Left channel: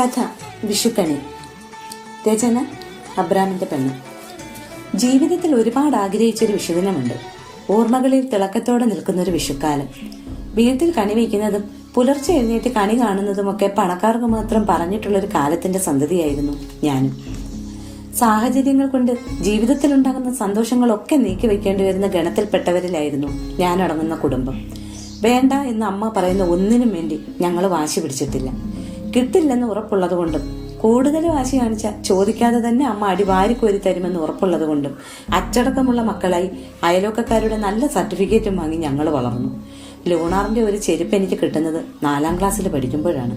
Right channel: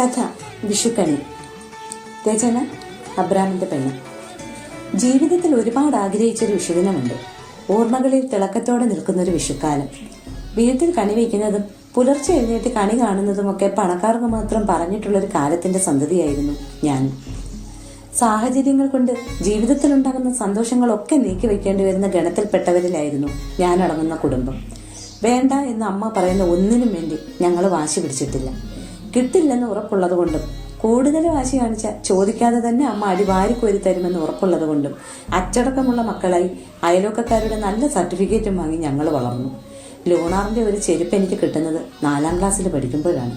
കഥ വിഷുക്കണി. രചന അബ്രാമിന്റെ പെണ്ണ്. ജീവിതത്തിൽ ഒരുപാട് ആഗ്രഹിച്ചൊരു വിഷുദിനമുണ്ട്. ഓർമ്മകളിൽ തിളക്കത്തോടെ നിൽക്കുന്നൊരു വിഷുക്കാലം. വീട്ടിൽ കണി വയ്ക്കുന്നതും പുലർച്ചെ എഴുന്നേറ്റ് കണി കാണുന്നതുമൊക്കെ പണക്കാർക്ക് മാത്രം പറഞ്ഞിട്ടുള്ളൊരു കാലത്തിന്റെ സന്തതിയായിരുന്നു ഞാനും. സാഹചര്യങ്ങൾ കൊണ്ട് ജീവിതത്തിലുണ്ടാകുന്ന സന്തോഷങ്ങളൊക്കെ നീക്കി വെക്കേണ്ടി വരുന്ന ഗണത്തിൽപ്പെട്ടവരിലായിരുന്നു ഞാനടങ്ങുന്ന കുടുംബം. വേണ്ട എന്ന് അമ്മ പറയുന്ന ഒന്നിനും വേണ്ടി ഞങ്ങൾ വാശി പിടിച്ചിട്ടില്ല. കിട്ടില്ലെന്ന് ഉറപ്പുള്ളത് കൊണ്ടും കൂടുതൽ വാശി കാണിച്ച ചോദിക്കാതെ തന്നെ അമ്മ അടിവാരിക്കോരി തരുമെന്ന് ഉറപ്പുള്ളത് കൊണ്ടും അച്ചടക്കമുള്ള മക്കളായി അയലോക്കക്കാരുടെ നല്ല സർട്ടിഫിക്കറ്റും വാങ്ങി ഞങ്ങൾ വളർന്നു. ലൂണാറിന്റെ ഒരു ചെരുപ്പ് എനിക്ക് കിട്ടുന്നത് 4ാം ക്ലാസ്സിൽ പഠിക്കുമ്പോഴാണ്.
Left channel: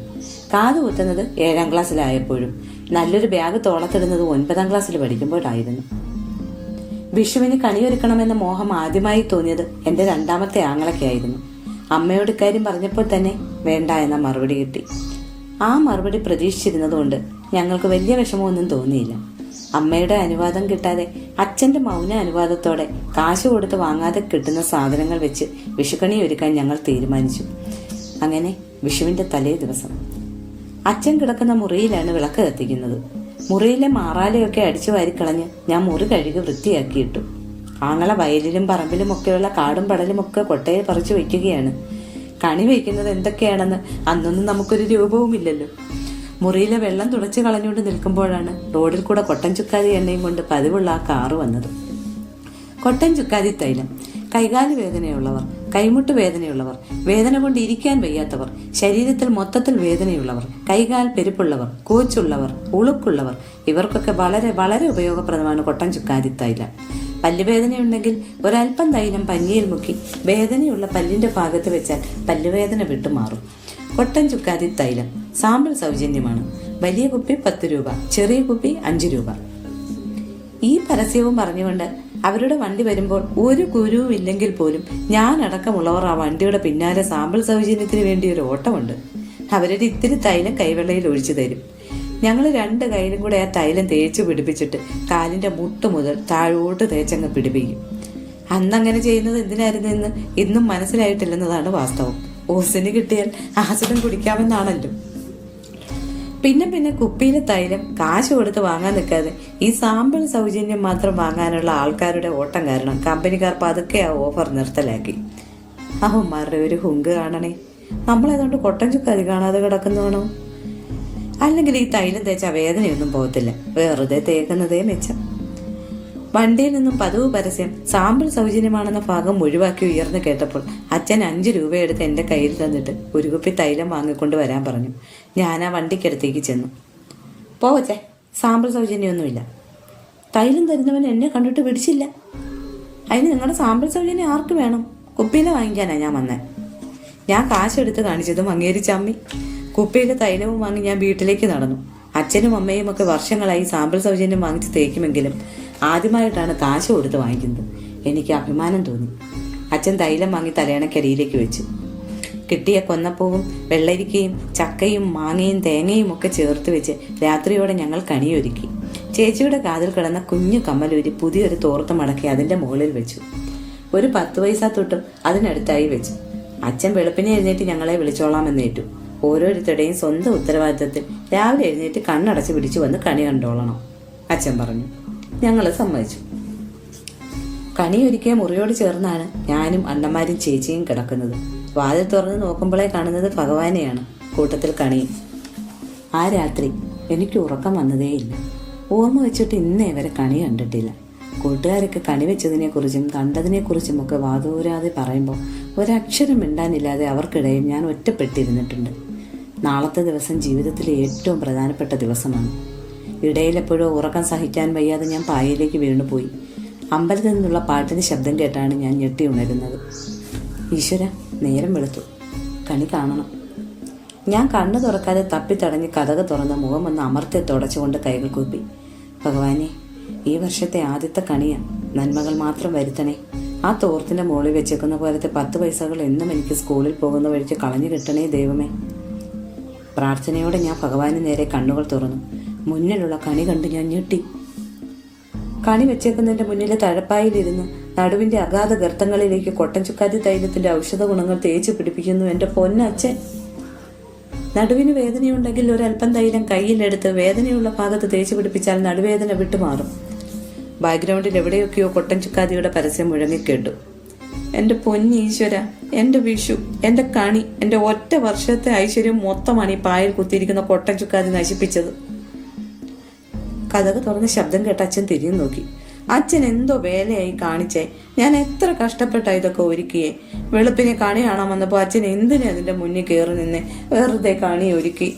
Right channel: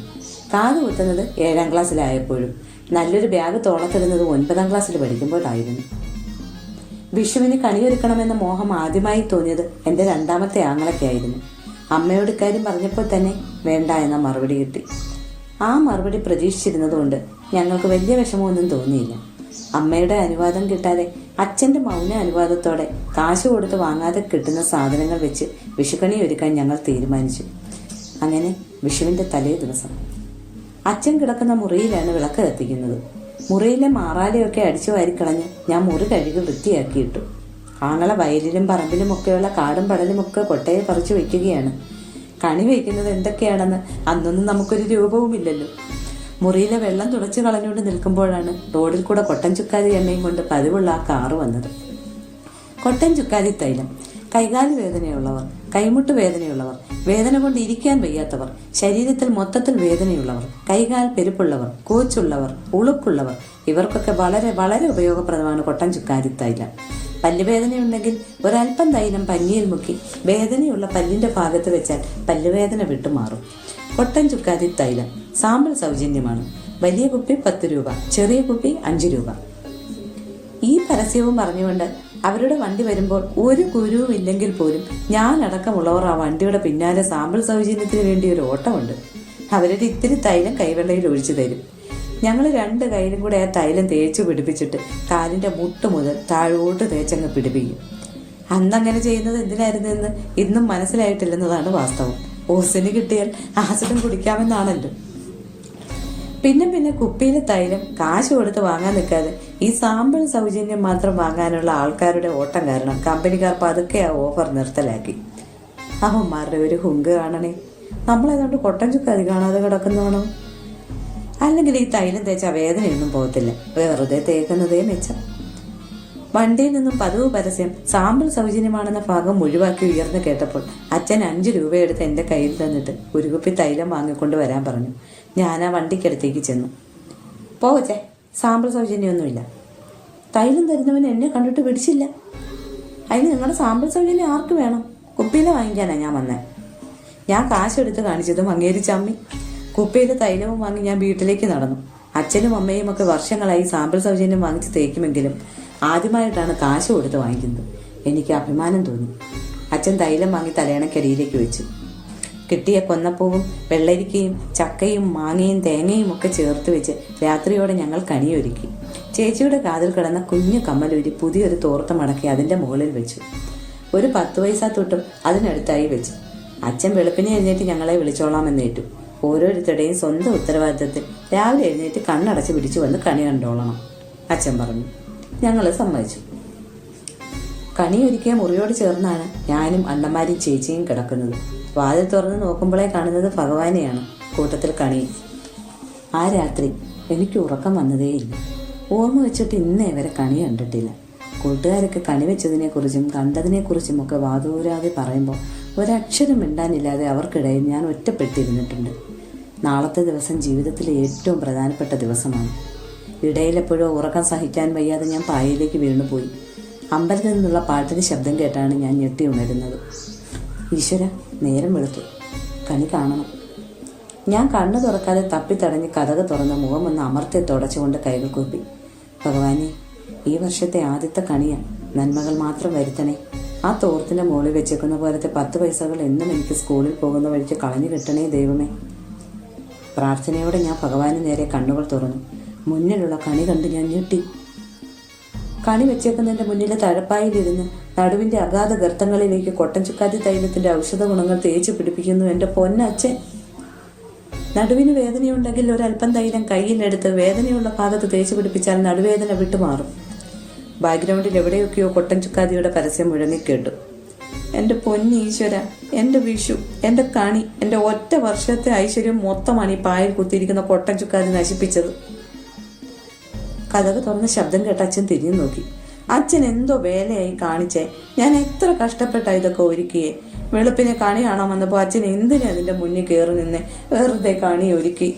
കാത് കുത്തുന്നത് 7ാം ക്ലാസ്സിലായപ്പോഴും നല്ലൊരു ബാഗ് തോളത്തിടുന്നത് 9ാം ക്ലാസ്സിൽ പഠിക്കുമ്പോഴായിരുന്നു. വിഷുവിന് കണിയൊരുക്കണമെന്ന മോഹം ആദ്യമായി തോന്നിയത് എന്റെ 2ാമത്തെ ആങ്ങളൊക്കെയായിരുന്നു. അമ്മയോട് ഇക്കാര്യം പറഞ്ഞപ്പോൾ തന്നെ വേണ്ട എന്ന മറുപടി കിട്ടി. ആ മറുപടി പ്രതീക്ഷിച്ചിരുന്നതുകൊണ്ട് ഞങ്ങൾക്ക് വലിയ വിഷമമൊന്നും തോന്നിയില്ല. അമ്മയുടെ അനുവാദം കിട്ടാതെ അച്ഛന്റെ മൗന അനുവാദത്തോടെ കാശ് കൊടുത്ത് വാങ്ങാതെ കിട്ടുന്ന സാധനങ്ങൾ വെച്ച് വിഷുക്കണി ഒരുക്കാൻ ഞങ്ങൾ തീരുമാനിച്ചു. അങ്ങനെ വിഷുവിന്റെ തലേ ദിവസം അച്ഛൻ കിടക്കുന്ന മുറിയിലാണ് വിളക്ക് കത്തിക്കുന്നത്. മുറിയിലെ മാറാലയൊക്കെ അടിച്ചു വാരിക്കളഞ്ഞ് ഞാൻ മുറി കഴുകി വൃത്തിയാക്കിയിട്ടു. ആങ്ങള വയലിലും പറമ്പിലും ഒക്കെയുള്ള കാടും പടലും ഒക്കെ കൊട്ടയെ പറിച്ചു വയ്ക്കുകയാണ്. കണി വയ്ക്കുന്നത് എന്തൊക്കെയാണെന്ന് അന്നൊന്നും നമുക്കൊരു രൂപവുമില്ലല്ലോ. മുറിയിലെ വെള്ളം തുടച്ചു കളഞ്ഞുകൊണ്ട് നിൽക്കുമ്പോഴാണ് റോഡിൽ കൂടെ കൊട്ടൻ ചുക്കാതി എണ്ണയും കൊണ്ട് പതിവുള്ള ആ കാറ് വന്നത്. കൊട്ടൻ ചുക്കാതി തൈലം കൈകാല് വേദനയുള്ളവർ, കൈമുട്ട് വേദനയുള്ളവർ, വേദന കൊണ്ട് ഇരിക്കാൻ വയ്യാത്തവർ, ശരീരത്തിൽ മൊത്തത്തിൽ വേദനയുള്ളവർ, കൈകാൽ പെരുപ്പുള്ളവർ, കൂച്ചുള്ളവർ, ഉളുപ്പുള്ളവർ, ഇവർക്കൊക്കെ വളരെ വളരെ ഉപയോഗപ്രദമാണ് കൊട്ടൻ ചുക്കാതി തൈലം. പല്ലുവേദനയുണ്ടെങ്കിൽ ഒരൽപ്പം തൈലം പഞ്ഞിയിൽ മുക്കി വേദനയുള്ള പല്ലിന്റെ ഭാഗത്ത് വെച്ചാൽ പല്ലുവേദന വിട്ടുമാറും. കൊട്ടൻ ചുക്കാതി തൈലം സാമ്പിൾ സൗജന്യമാണ്. വലിയ കുപ്പി 10 രൂപ, ചെറിയ കുപ്പി 5 രൂപ. ഈ പരസ്യവും പറഞ്ഞുകൊണ്ട് അവരുടെ വണ്ടി വരുമ്പോൾ ഒരു കുരുവും ഇല്ലെങ്കിൽ പോലും ഞാനടക്കമുള്ളവർ ആ വണ്ടിയുടെ പിന്നാലെ സാമ്പിൾ സൗജന്യത്തിന് വേണ്ടി ഒരു ഓട്ടമുണ്ട്. അവരുടെ ഇത്തിരി തൈലം കൈവെള്ളയിൽ ഒഴിച്ചു തരും. ഞങ്ങൾ 2 കൈയിലും കൂടെ ആ തൈലം തേച്ച് പിടിപ്പിച്ചിട്ട് കാലിന്റെ മുട്ട് മുതൽ താഴോട്ട് തേച്ചങ്ങ് പിടിപ്പിക്കും. അന്നങ്ങനെ ചെയ്യുന്നത് എന്തിനായിരുന്നു എന്ന് ഇന്നും മനസ്സിലായിട്ടില്ലെന്നതാണ് വാസ്തവം. ഓസിന് കിട്ടിയാൽ ആസിഡും കുടിക്കാമെന്നാണല്ലോ. പിന്നെ കുപ്പിയിലെ തൈലം കാശ് കൊടുത്ത് വാങ്ങാൻ നിൽക്കാതെ ഈ സാമ്പിൾ സൗജന്യം മാത്രം വാങ്ങാനുള്ള ആൾക്കാരുടെ ഓട്ടം കാരണം കമ്പനിക്കാർ പതുക്കെ ആ ഓഫർ നിർത്തലാക്കി. അവന്മാരുടെ ഒരു ഹുങ്ക് കാണണേ. നമ്മളേതുകൊണ്ട് കൊട്ടൻ ചുക്കാതി കാണാതെ കിടക്കുന്നതാണോ? അല്ലെങ്കിൽ ഈ തൈലം തേച്ച വേദനയൊന്നും പോകത്തില്ല. വെറുതെ തേക്കുന്നതേ മെച്ചം. വണ്ടിയിൽ നിന്നും പതിവ് പരസ്യം സാമ്പിൾ സൗജന്യമാണെന്ന ഭാഗം ഒഴിവാക്കി ഉയർന്നു കേട്ടപ്പോൾ അച്ഛൻ 5 രൂപ എടുത്ത് എന്റെ കയ്യിൽ തന്നിട്ട് ഒരു കുപ്പി തൈലം വാങ്ങിക്കൊണ്ട് വരാൻ പറഞ്ഞു. ഞാൻ ആ വണ്ടിക്കടുത്തേക്ക് ചെന്നു. പോവച്ചേ, സാമ്പിൾ സൗജന്യമൊന്നുമില്ല. തൈലം തരുന്നവൻ എന്നെ കണ്ടിട്ട് പിടിച്ചില്ല. അതിന് നിങ്ങളുടെ സാമ്പിൾ സൗജന്യം ആർക്ക് വേണം? കുപ്പിയിലെ വാങ്ങിക്കാനാ ഞാൻ വന്നേ. ഞാൻ കാശെടുത്ത് കാണിച്ചതും അങ്ങേരി ചമ്മി. കുപ്പിയിലെ തൈലവും വാങ്ങി ഞാൻ വീട്ടിലേക്ക് നടന്നു. അച്ഛനും അമ്മയും ഒക്കെ വർഷങ്ങളായി സാമ്പിൾ സൗജന്യം വാങ്ങിച്ച് തേക്കുമെങ്കിലും ആദ്യമായിട്ടാണ് കാശ് കൊടുത്ത് വാങ്ങിക്കുന്നത്. എനിക്ക് അഭിമാനം തോന്നി. അച്ഛൻ തൈലം വാങ്ങി തലയണക്കരിയിലേക്ക് വെച്ചു. കിട്ടിയ കൊന്നപ്പൂവും വെള്ളരിക്കയും ചക്കയും മാങ്ങയും തേങ്ങയും ഒക്കെ ചേർത്ത് വെച്ച് രാത്രിയോടെ ഞങ്ങൾ കണിയൊരുക്കി. ചേച്ചിയുടെ കാതിൽ കിടന്ന കുഞ്ഞു കമ്മലൂരി പുതിയൊരു തോർത്ത് മടക്കി അതിന്റെ മുകളിൽ വെച്ചു. ഒരു 10 പൈസ തൊട്ടും അതിനടുത്തായി വെച്ചു. അച്ഛൻ വെളുപ്പിനെ എഴുന്നേറ്റ് ഞങ്ങളെ വിളിച്ചോളാമെന്നേറ്റു. ഓരോരുത്തരുടെയും സ്വന്തം ഉത്തരവാദിത്തത്തിൽ രാവിലെ എഴുന്നേറ്റ് കണ്ണടച്ച് പിടിച്ചു വന്ന് കണി കണ്ടോളണം അച്ഛൻ പറഞ്ഞു. ഞങ്ങൾ സമ്മതിച്ചു. കണിയൊരുക്കിയ മുറിയോട് ചേർന്നാണ് ഞാനും അണ്ണന്മാരും ചേച്ചിയും കിടക്കുന്നത്. വാതിൽ തുറന്ന് നോക്കുമ്പോഴേ കാണുന്നത് ഭഗവാനെയാണ്, കൂട്ടത്തിൽ കണിയും. ആ രാത്രി എനിക്ക് ഉറക്കം വന്നതേയില്ല. ഓർമ്മ വെച്ചിട്ട് ഇന്നേ വരെ കണി കണ്ടിട്ടില്ല. കൂട്ടുകാരൊക്കെ കണി വെച്ചതിനെ കുറിച്ചും കണ്ടതിനെ കുറിച്ചും ഒക്കെ വാതൂരാതെ പറയുമ്പോൾ ഒരക്ഷരം മിണ്ടാനില്ലാതെ അവർക്കിടയിൽ ഞാൻ ഒറ്റപ്പെട്ടിരുന്നിട്ടുണ്ട്. നാളത്തെ ദിവസം ജീവിതത്തിലെ ഏറ്റവും പ്രധാനപ്പെട്ട ദിവസമാണ്. ഇടയിലെപ്പോഴോ ഉറക്കം സഹിക്കാൻ വയ്യാതെ ഞാൻ പായയിലേക്ക് വീണുപോയി. അമ്പലത്തിൽ നിന്നുള്ള പാട്ടിന്റെ ശബ്ദം കേട്ടാണ് ഞാൻ ഞെട്ടി ഉണരുന്നത്. ഈശ്വര, നേരം വെളുത്തു. കണി കാണണം. ഞാൻ കണ്ണു തുറക്കാതെ തപ്പിത്തടഞ്ഞ് കതക് തുറന്ന് മുഖം ഒന്ന് അമർത്തി തുടച്ചുകൊണ്ട് കൈകൾ കൂപ്പി. ഭഗവാനെ, ഈ വർഷത്തെ ആദ്യത്തെ കണിയാ. നന്മകൾ മാത്രം വരുത്തണേ. ആ തോർത്തിന്റെ മുകളിൽ വെച്ചേക്കുന്ന പോലത്തെ 10 പൈസകൾ എന്നും എനിക്ക് സ്കൂളിൽ പോകുന്ന വഴിക്ക് കളഞ്ഞു കിട്ടണേ ദൈവമേ. പ്രാർത്ഥനയോടെ ഞാൻ ഭഗവാന് നേരെ കണ്ണുകൾ തുറന്നു. മുന്നിലുള്ള കണി കണ്ട് ഞാൻ ഞെട്ടി. കണി വെച്ചേക്കുന്നതിന്റെ മുന്നിലെ തഴപ്പായിലിരുന്ന് നടുവിന്റെ അഗാധ ഗർത്തങ്ങളിലേക്ക് കൊട്ടൻ ചുക്കാതി തൈലത്തിന്റെ ഔഷധ ഗുണങ്ങൾ തേച്ച് പിടിപ്പിക്കുന്നു എന്റെ പൊന്നച്ഛൻ. നടുവിന് വേദനയുണ്ടെങ്കിൽ ഒരല്പം തൈലം കയ്യിലെടുത്ത് വേദനയുള്ള ഭാഗത്ത് തേച്ച് പിടിപ്പിച്ചാൽ നടുവേദന വിട്ടുമാറും. ബാക്ക്ഗ്രൗണ്ടിൽ എവിടെയൊക്കെയോ കൊട്ടൻ ചുക്കാദിയുടെ പരസ്യം മുഴങ്ങിക്കേട്ടു. എൻ്റെ പൊന്നീശ്വര, എൻ്റെ വിഷു, എൻ്റെ കണി, എൻ്റെ ഒറ്റ വർഷത്തെ ഐശ്വര്യം മൊത്തമാണ് ഈ പായൽ കുത്തിയിരിക്കുന്ന കൊട്ടൻ ചുക്കാതി നശിപ്പിച്ചത്. കഥക് തുറന്ന് ശബ്ദം കേട്ട അച്ഛൻ തിരിഞ്ഞു നോക്കി. അച്ഛൻ എന്തോ വേലയായി കാണിച്ചേ. ഞാൻ എത്ര കഷ്ടപ്പെട്ട ഇതൊക്കെ ഒരുക്കിയേ. വെളുപ്പിനെ കണി കാണാൻ വന്നപ്പോ അച്ഛൻ എന്തിനാ അതിന്റെ മുന്നിൽ കയറി നിന്നെ വെറുതെ കണി ഒരുക്കി.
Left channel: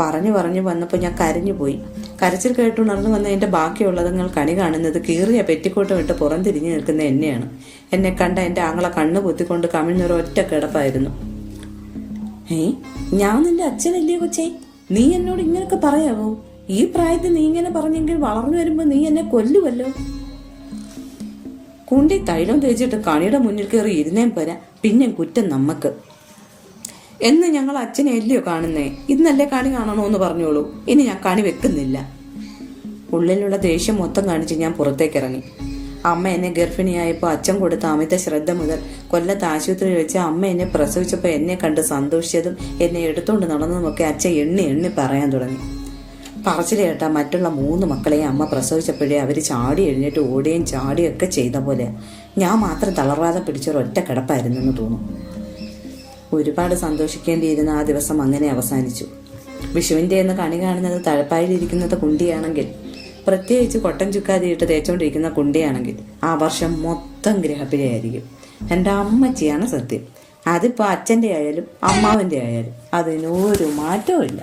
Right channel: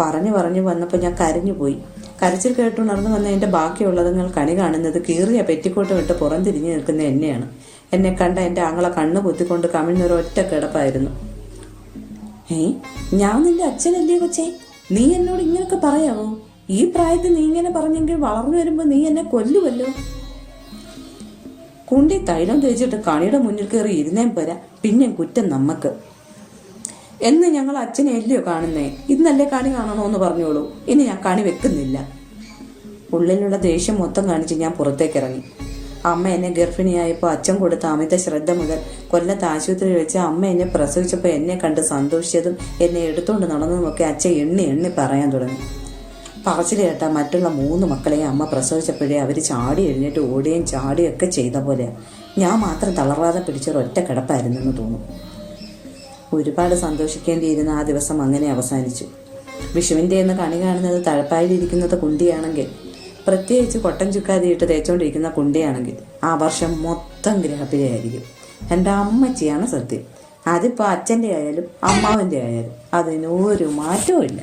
പറഞ്ഞു വന്നപ്പോ ഞാൻ കരഞ്ഞുപോയി. കരച്ചിൽ കേട്ടുണർന്നു വന്നതിന്റെ ബാക്കിയുള്ളതുങ്ങൾ കണി കാണുന്നത് കീറിയ പെറ്റിക്കോട്ട് വിട്ട് പുറംതിരിഞ്ഞു നിൽക്കുന്ന എന്നെയാണ്. എന്നെ കണ്ട എന്റെ ആങ്ങളെ കണ്ണു കുത്തിക്കൊണ്ട് കമിഴ്ന്നൊരു ഒറ്റ കിടപ്പായിരുന്നു. ഞാൻ നിന്റെ അച്ഛനല്ലേ കൊച്ചേ? നീ എന്നോട് ഇങ്ങനെയൊക്കെ പറയാവോ? ഈ പ്രായത്തിൽ നീ ഇങ്ങനെ പറഞ്ഞെങ്കിൽ വളർന്നു വരുമ്പോ നീ എന്നെ കൊല്ലുവല്ലോ. കുണ്ടി തൈലം തേച്ചിട്ട് കണിയുടെ മുന്നിൽ കയറി ഇരുന്നേം പോരാ, പിന്നെ കുറ്റം നമ്മക്ക്. എന്ന് ഞങ്ങൾ അച്ഛനെ അല്ലയോ കാണുന്നേ? ഇന്നല്ലേ കണി കാണണോന്ന് പറഞ്ഞോളൂ. ഇനി ഞാൻ കണി വെക്കുന്നില്ല. ഉള്ളിലുള്ള ദേഷ്യം മൊത്തം കാണിച്ച് ഞാൻ പുറത്തേക്കിറങ്ങി. അമ്മ എന്നെ ഗർഭിണിയായപ്പോൾ അച്ഛൻ കൊടുത്ത അമിത ശ്രദ്ധ മുതൽ കൊല്ലത്ത് ആശുപത്രിയിൽ വെച്ച് അമ്മ എന്നെ പ്രസവിച്ചപ്പോൾ എന്നെ കണ്ട് സന്തോഷിച്ചതും എന്നെ എടുത്തോണ്ട് നടന്നതുമൊക്കെ അച്ഛൻ എണ്ണി പറയാൻ തുടങ്ങി. പറച്ചിൽ കേട്ട മറ്റുള്ള 3 മക്കളെയും അമ്മ പ്രസവിച്ചപ്പോഴേ അവർ ചാടി എഴുന്നേറ്റ് ഓടുകയും ചാടിയൊക്കെ ചെയ്ത പോലെ ഞാൻ മാത്രം തളർവാതെ പിടിച്ചൊരൊറ്റ കിടപ്പായിരുന്നെന്ന് തോന്നുന്നു. ഒരുപാട് സന്തോഷിക്കേണ്ടിയിരുന്ന ആ ദിവസം അങ്ങനെ അവസാനിച്ചു. വിഷുവിൻ്റെ എന്ന് കണി കാണുന്നത് തഴപ്പായിലിരിക്കുന്നത് കുണ്ടിയാണെങ്കിൽ, പ്രത്യേകിച്ച് കൊട്ടൻ ചുക്കാതിയിട്ട് തേച്ചോണ്ടിരിക്കുന്ന കുണ്ടിയാണെങ്കിൽ ആ വർഷം മൊത്തം ഗ്രഹപ്പിഴയായിരിക്കും. എൻ്റെ അമ്മച്ചിയാണ് സത്യം. അതിപ്പോൾ അച്ഛൻ്റെ ആയാലും അമ്മാവൻ്റെ ആയാലും അതിനൊരു മാറ്റവും ഇല്ല.